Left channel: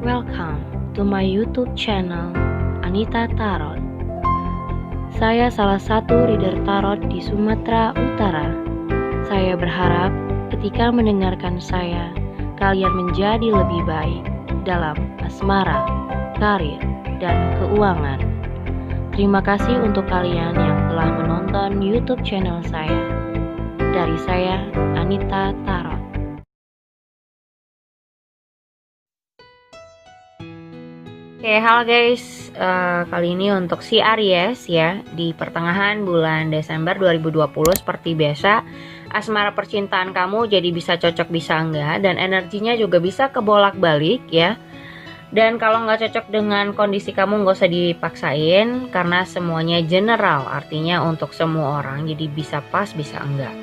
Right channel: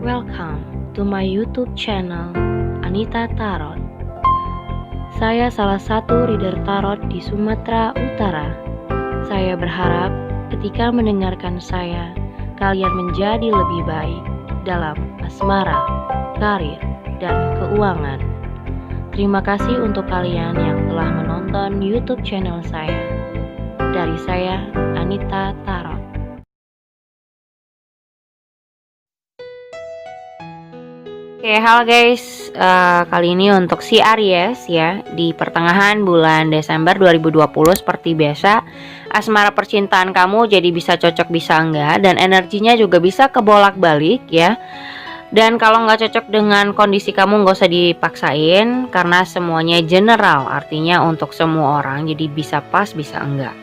Welcome to my YouTube channel, Anita Tarot. Saya salah satu reader tarot di Sumatera Utara. Saya berharap ketika mendengarkan saya, kalian menjadi lebih baik dalam asmara, karir, dan keuangan. Terima kasih untuk kalian yang telah menonton YouTube channel saya. Dari saya, Anita Tarot. Oke, halo guys. Kali ini untuk si Aries ya, di pertengahan bulan Desember 2020 seperti biasa, asmara percintaan kamu jadi bisa cocok bisa enggak, dan energinya juga bisa kebolak-balik ya. Dan kalau nggak cocok dengan kondisi kamu nggak usah dipaksain, karena semuanya general, artinya untuk semua orang, jadi bisa pas bisa enggak.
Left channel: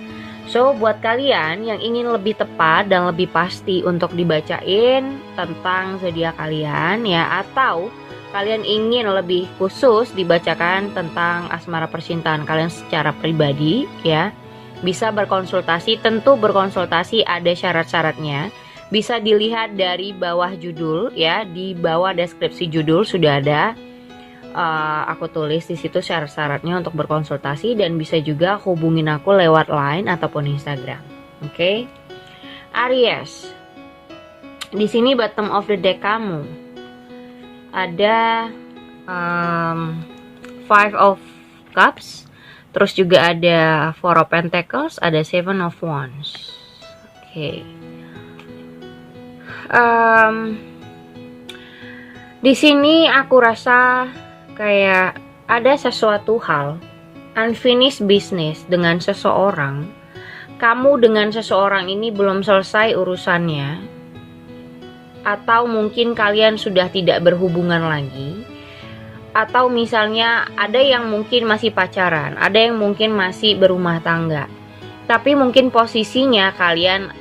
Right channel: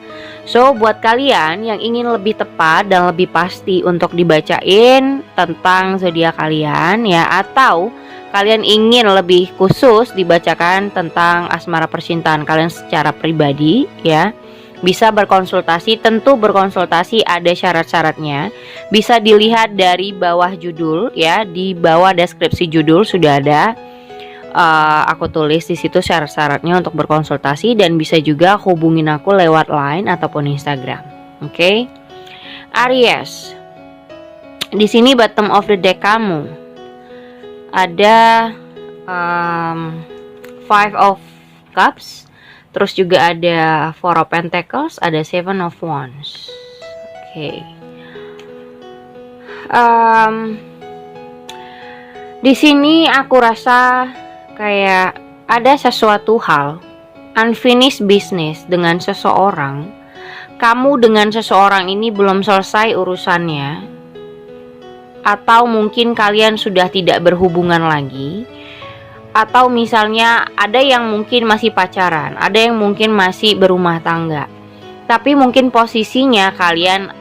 So, buat kalian yang ingin lebih tepat dan lebih pasti untuk dibacain tentang zodiak kalian ya, atau kalian ingin lebih khusus dibacakan tentang asmara percintaan kalian secara pribadi ya, bisa berkonsultasi. Tentu berkonsultasi ada syarat-syaratnya. Bisa dilihat dari bawah judul ya, di bawah deskripsi judul sudah ada. Aku tulis di situ syarat-syaratnya untuk berkonsultasi, dan bisa juga hubungin aku lewat Line ataupun Instagram. Oke. Aries. Di sini bottom of the deck kamu ada Five of Cups, terus juga ada Four of Pentacles, ada Seven of Wands. Oke. Di sini aku rasa kayak ada sesuatu hal unfinished business dengan seseorang. Kamu dengan seseorang ini belum selesai urusannya, atau mungkin kalian sudah tidak berhubungan lagi, atau misalnya ada yang mungkin masih pacaran, ada yang mungkin masih berumah tangga, tapi mungkin posisinya kalian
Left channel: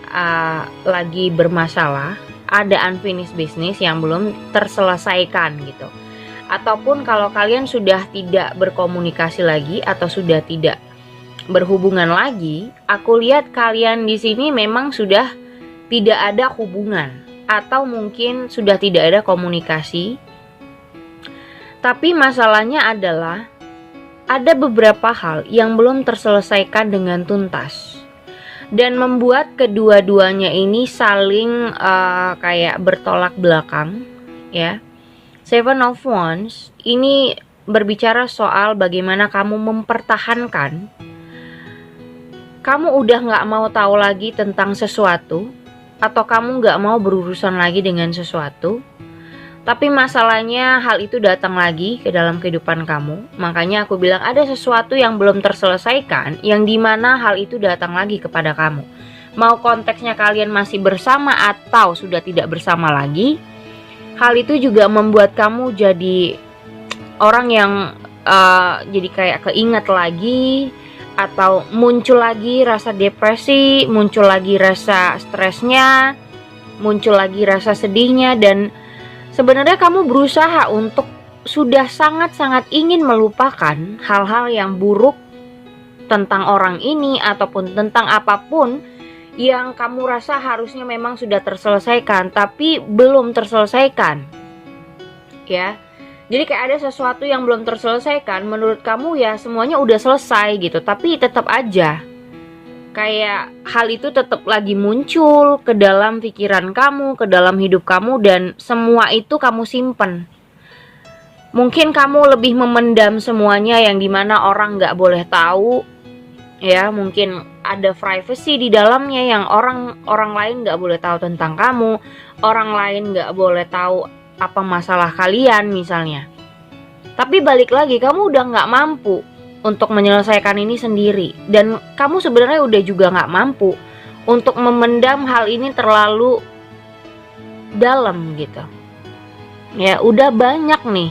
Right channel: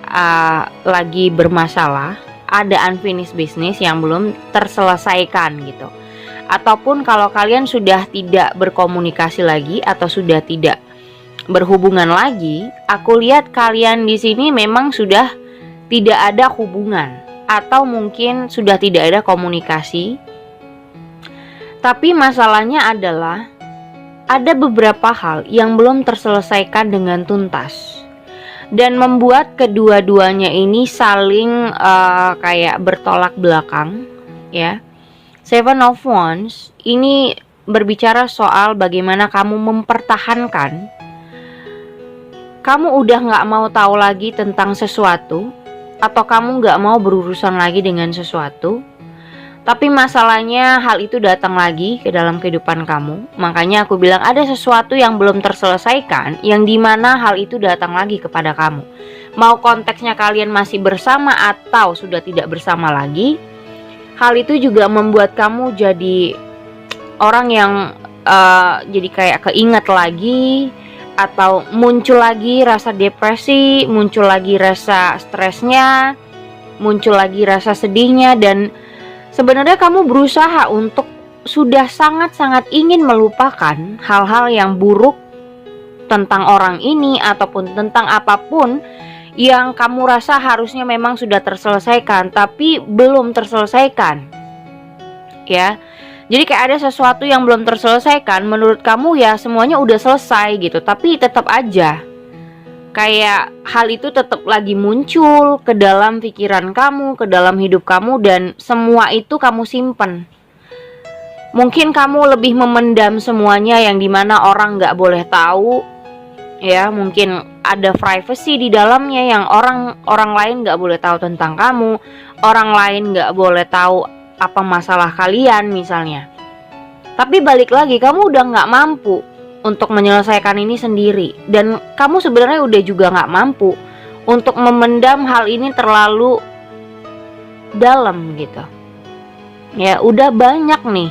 lagi bermasalah, ada unfinished business yang belum terselesaikan gitu. Ataupun kalau kalian sudah tidak berkomunikasi lagi atau sudah tidak berhubungan lagi, aku lihat kalian di sini memang sudah tidak ada hubungan, atau mungkin sudah tidak ada komunikasi. Tapi masalahnya adalah ada beberapa hal yang belum terselesaikan dengan tuntas, dan membuat kedua-duanya ini saling kayak bertolak belakang ya. Seven of Wands ini berbicara soal bagaimana kamu mempertahankan. Kamu udah gak mau tahu lagi tentang sesuatu, atau kamu gak mau berurusan lagi dengan sesuatu. Tapi masalahnya hal itu datang lagi ke dalam kehidupan kamu. Makanya aku bilang ada sesuatu yang belum terselesaikan, yang dimana hal itu datang lagi kepada kamu. Mau konteksnya kalian masih bersama atau sudah tidak bersama lagi, hal itu juga membuat kamu jadi orang yang jadi kayak keinget lagi, atau muncul lagi rasa depresi, muncul lagi rasa stresnya, muncul lagi rasa sedihnya. Dan sebenarnya kamu berusaha untuk sudah sangat-sangat ingin melupakan hal-hal yang buruk tentang orang ini, ataupun tentang apapun yang kamu rasa harusnya memang sudah terselesaikan, tapi belum terselesaikan ya. Jadi kayak ada sesuatu yang belum terselesaikan, menurut kamu ya semuanya udah selesai gitu, tapi tetap aja kayak hal itu tetap lagi muncul ke dalam pikiran kamu, ke dalam hidup kamu, dan semua itu kamu simpen. Mungkin kamu lebih memendam semuanya, yang dimana orang gak boleh tahu ya. Mungkin ada privacy di dalamnya yang orang lain gak boleh tahu tentang kamu, orang lain gak boleh tahu apa masalah kalian misalnya. Tapi balik lagi, kamu udah gak mampu untuk menyelesaikan ini sendiri, dan kamu sebenarnya udah juga gak mampu untuk memendam hal ini terlalu dalam gitu ya. Udah banyak nih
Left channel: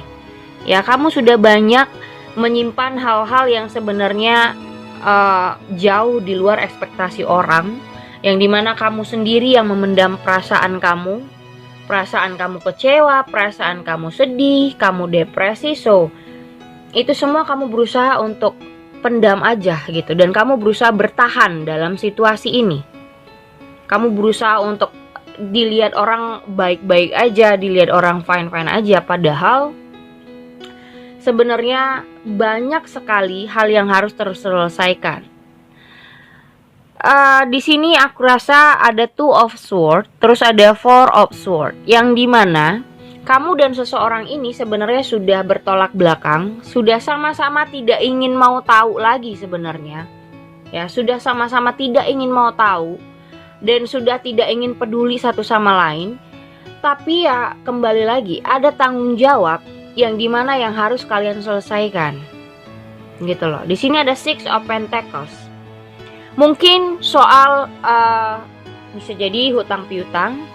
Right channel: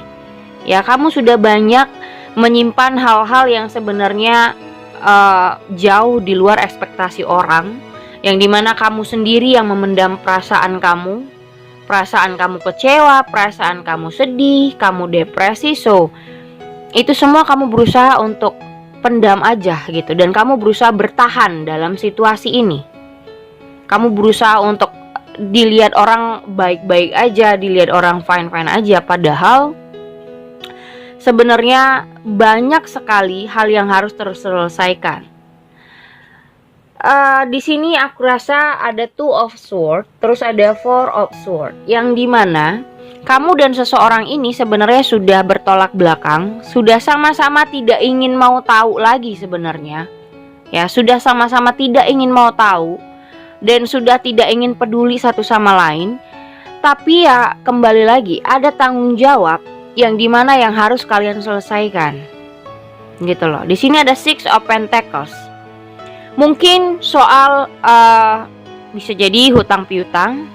ya, kamu sudah banyak menyimpan hal-hal yang sebenarnya jauh di luar ekspektasi orang, yang dimana kamu sendiri yang memendam perasaan kamu kecewa, perasaan kamu sedih, kamu depresi. So itu semua kamu berusaha untuk pendam aja gitu, dan kamu berusaha bertahan dalam situasi ini. Kamu berusaha untuk dilihat orang baik-baik aja, dilihat orang fine-fine aja, padahal sebenarnya banyak sekali hal yang harus terselesaikan. Di sini aku rasa ada Two of Swords, terus ada Four of Swords, yang dimana kamu dan seseorang ini sebenarnya sudah bertolak belakang, sudah sama-sama tidak ingin mau tahu lagi sebenarnya. Ya, sudah sama-sama tidak ingin mau tahu dan sudah tidak ingin peduli satu sama lain. Tapi ya kembali lagi ada tanggung jawab yang dimana yang harus kalian selesaikan. Gitu loh. Di sini ada Six of Pentacles. Mungkin soal bisa jadi hutang piutang,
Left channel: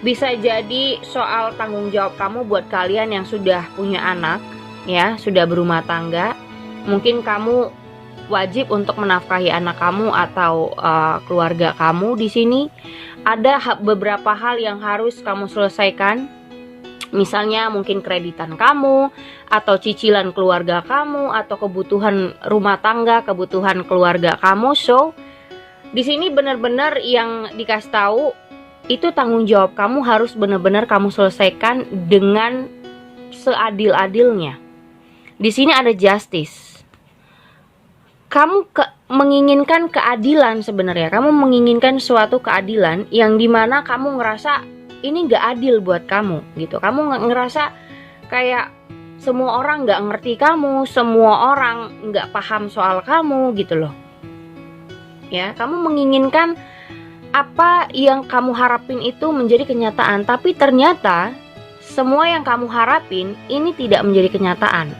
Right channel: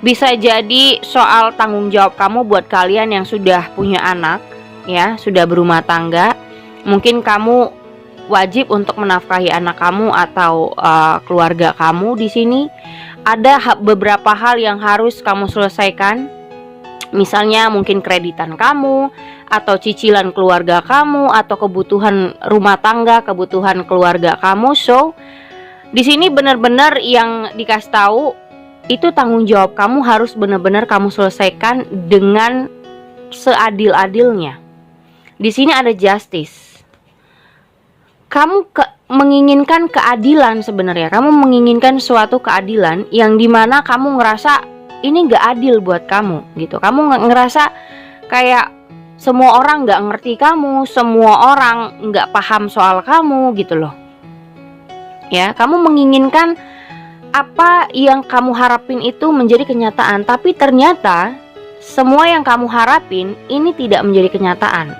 bisa jadi soal tanggung jawab kamu buat kalian yang sudah punya anak, ya, sudah berumah tangga. Mungkin kamu wajib untuk menafkahi anak kamu atau keluarga kamu. Di sini ada beberapa hal yang harus kamu selesaikan. Misalnya mungkin kreditan kamu, atau cicilan keluarga kamu, atau kebutuhan rumah tangga, kebutuhan keluarga kamu. So, di sini benar-benar yang dikasih tahu itu tanggung jawab kamu harus benar-benar kamu selesaikan dengan seadil-adilnya. Di sini ada justice. Kamu menginginkan keadilan sebenarnya. Kamu menginginkan suatu keadilan yang dimana kamu ngerasa ini gak adil buat kamu gitu. Kamu ngerasa kayak semua orang gak ngerti kamu, semua orang gak paham soal kamu gitu loh. Ya, kamu menginginkan apa yang kamu harapin itu menjadi kenyataan, tapi ternyata semua yang kamu harapin ini tidak menjadi kenyataan.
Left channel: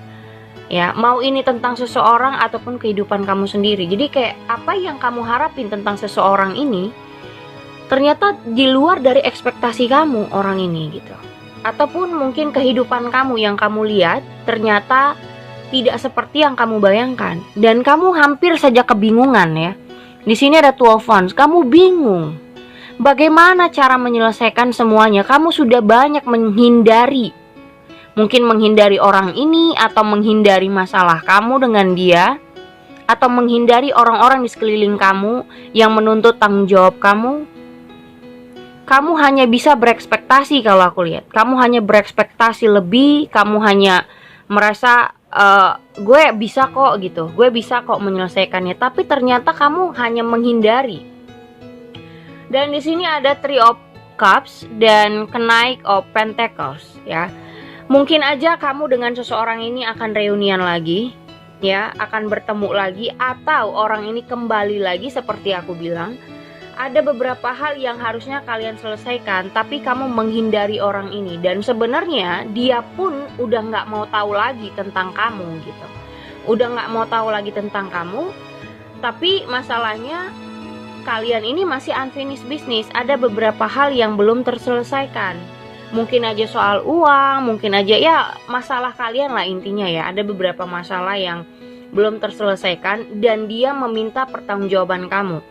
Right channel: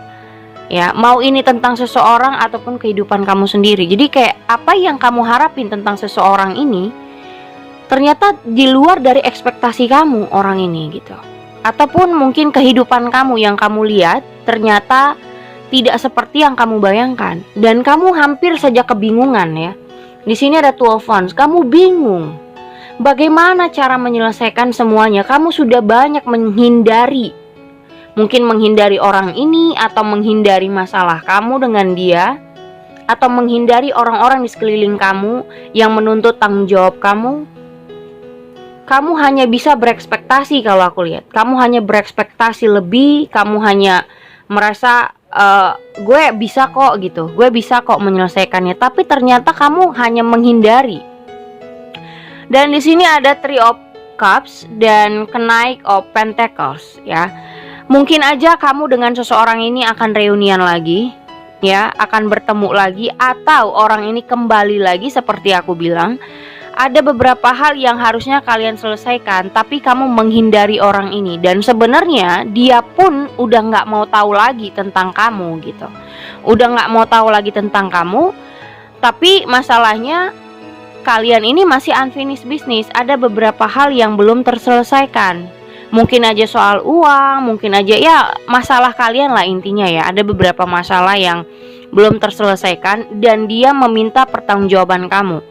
Ya, mau ini tentang seseorang ataupun kehidupan kamu sendiri. Jadi kayak apa yang kamu harapin tentang seseorang ini ternyata di luar dari ekspektasi kamu orang ini gitu. Ataupun mungkin kehidupan kamu yang kamu lihat ternyata tidak seperti yang kamu bayangkan dan kamu hampir saja kebingungan ya. Di sini ada Two of Wands, kamu bingung bagaimana cara menyelesaikan semuanya. Kamu sudah banyak menghindari, mungkin menghindari orang ini atau menghindari masalah kamu dengan dia, atau menghindari orang-orang di sekeliling kamu yang menuntut tanggung jawab kamu. Kamu hanya bisa berekspektasi kalau aku lihat. Kamu hanya berekspektasi lebih, kamu hanya merasa gue bisa kok gitu, gue bisa kok menyelesaikannya, tapi ternyata kamu hanya menghindari. Dan di sini ada Three of Cups dan Knight of Pentacles ya. Mungkin aja kamu dengan seseorang ini akan reunian lagi ya, akan bertemu lagi, atau orang ini kembali lagi seperti aku bilang. Ada beberapa hal yang harusnya kalian selesaikan, tapi kamu menghindari orang ini. Dan sebenarnya dia pun udah gak mau tahu lagi tentang kamu gitu. Udah gak mau tahu lagi tentang kamu. Tapi masalahnya kalian ini masih unfinished business. Ada beberapa hal yang belum terselesaikan. Mungkin aja soal uang, mungkin aja ya masalah kalian lah intinya ya. Ada beberapa masalah yang belum terselesaikan dan dia meminta pertanggungjawaban kamu.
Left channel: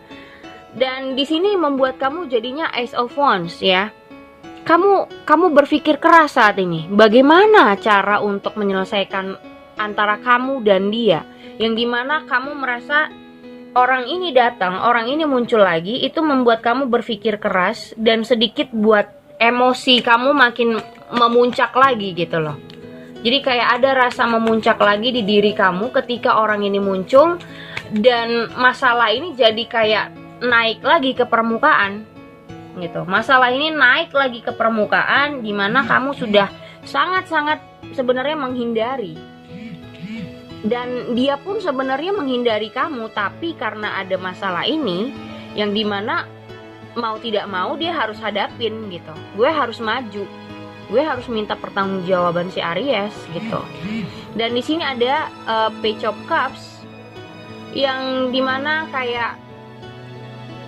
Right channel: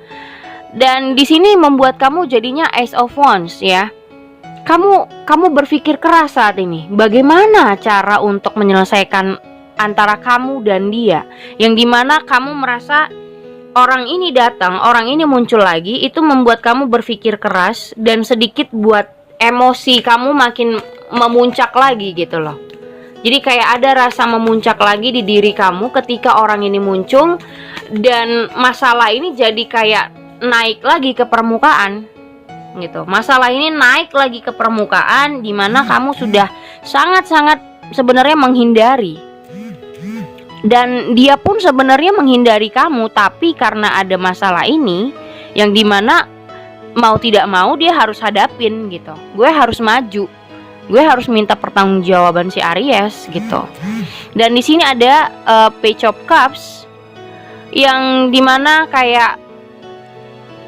Dan di sini membuat kamu jadinya Ace of Wands ya. Kamu berpikir keras saat ini. Bagaimana cara untuk menyelesaikan antara kamu dan dia? Yang dimana kamu merasa orang ini datang, orang ini muncul lagi, itu membuat kamu berpikir keras dan sedikit buat emosi kamu makin memuncak lagi gitu loh. Jadi kayak ada rasa memuncak lagi di diri kamu ketika orang ini muncul, dan masalah ini jadi kayak naik lagi ke permukaan gitu. Masalah ini naik lagi ke permukaan dimana kamu sudah sangat-sangat sebenarnya menghindari, dan dia pun sebenarnya menghindari kamu, tapi karena ada masalah ini yang dimana mau tidak mau dia harus hadapin gitu. Gue harus maju, gue harus minta pertanggungjawaban si Aries gitu. Dan di sini ada Page of Cups yang dimana kayak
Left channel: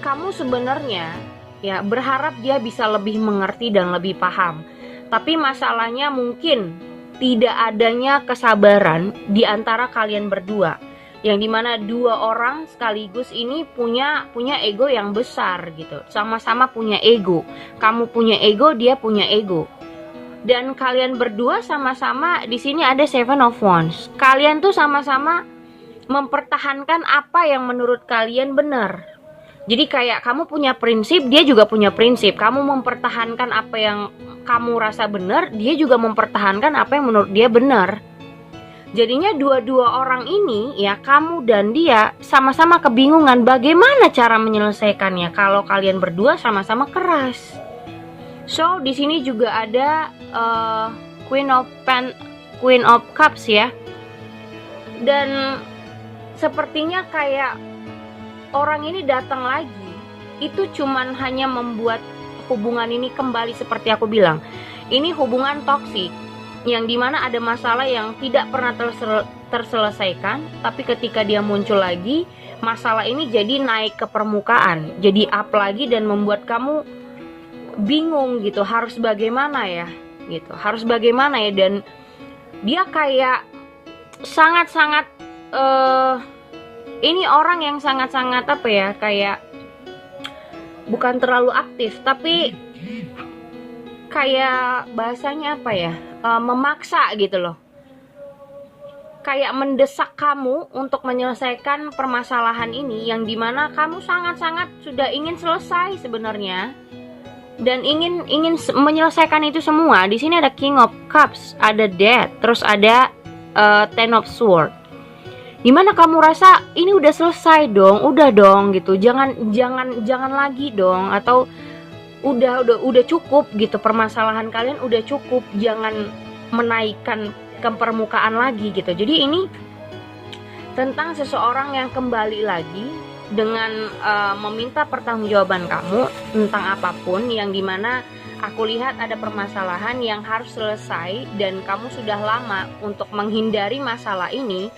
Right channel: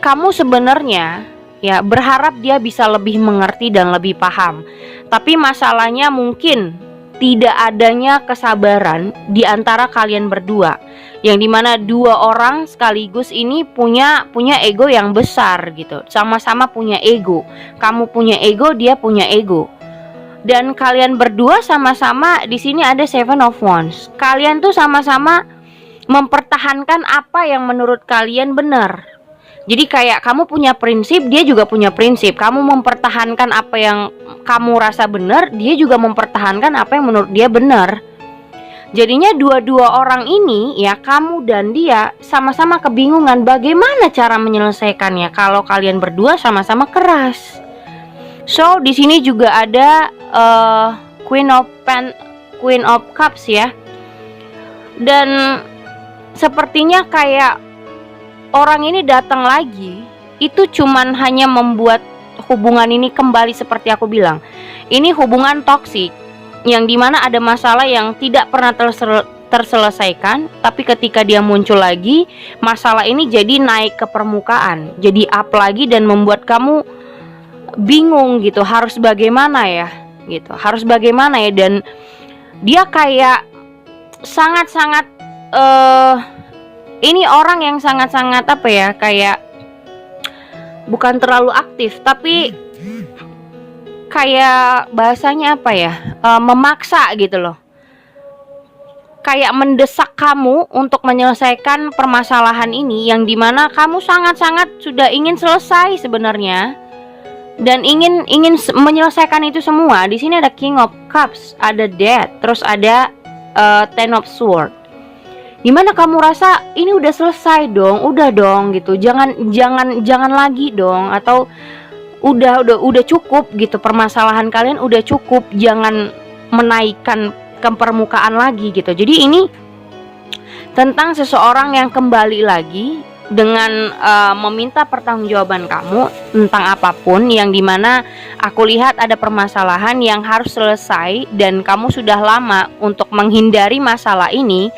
kamu sebenarnya ya berharap dia bisa lebih mengerti dan lebih paham. Tapi masalahnya mungkin tidak adanya kesabaran di antara kalian berdua. Yang dimana dua orang sekaligus ini punya ego yang besar gitu. Sama-sama punya ego. Kamu punya ego, dia punya ego. Dan kalian berdua sama-sama di sini ada Seven of Wands. Kalian tuh sama-sama mempertahankan apa yang menurut kalian benar. Jadi kayak kamu punya prinsip, dia juga punya prinsip. Kamu mempertahankan apa yang kamu rasa benar, dia juga mempertahankan apa yang menurut dia benar. Jadinya dua-dua orang ini, ya kamu dan dia, sama-sama kebingungan bagaimana cara menyelesaikannya kalau kalian berdua sama-sama keras. So di sini juga ada Queen of Cups ya. Dan sepertinya kayak orang ini datang lagi, itu cuman hanya membuat hubungan ini kembali seperti aku bilang. Ini hubungan toksik, yang dimana ada masalah yang tidak pernah terselesaikan, tapi ketika dia muncul lagi, masalah ini jadi naik ke permukaan, jadi up lagi dan membuat kamu bingung gitu, harus bagaimana ya gitu, harus bagaimana ya. Dan dia kayak sangat-sangat ini orang yang sangat-sangat apa ya, kayak bukan terlalu aktif, tapi kayak bahasanya apa ya, memaksa gitu loh, kayak mendesak kamu untuk menyelesaikan permasalahan ini, yang dimana kamu sangat-sangat sudah ingin selesai sebenarnya dan ingin menyelesaikan itu semua. Di sini ada King of Cups, ada Death, terus ada Ten of Swords. Gimana kamu rasa ini udah selesai dong, udah dong gitu, jangan lagi dong, atau udah cukup gitu, permasalahan kalian udah cukup, jangan menaikkan ke permukaan lagi gitu. Jadi ini tentang seseorang yang kembali lagi dengan meminta pertanggungjawaban kamu tentang apapun, yang dimana aku lihat ada permasalahan yang harus selesai dan kamu sudah lama untuk menghindari masalah ini.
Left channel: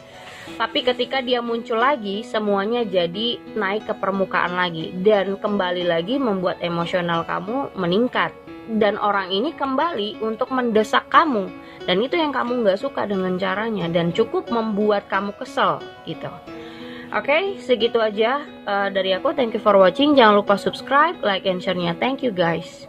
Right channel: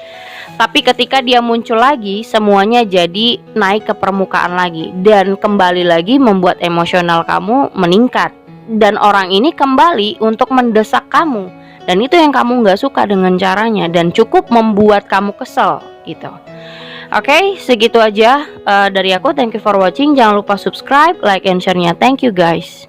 Tapi ketika dia muncul lagi, semuanya jadi naik ke permukaan lagi dan kembali lagi membuat emosional kamu meningkat. Dan orang ini kembali untuk mendesak kamu, dan itu yang kamu gak suka dengan caranya, dan cukup membuat kamu kesel gitu. Oke, segitu aja dari aku. Thank you for watching. Jangan lupa subscribe, like, and share-nya. Thank you guys.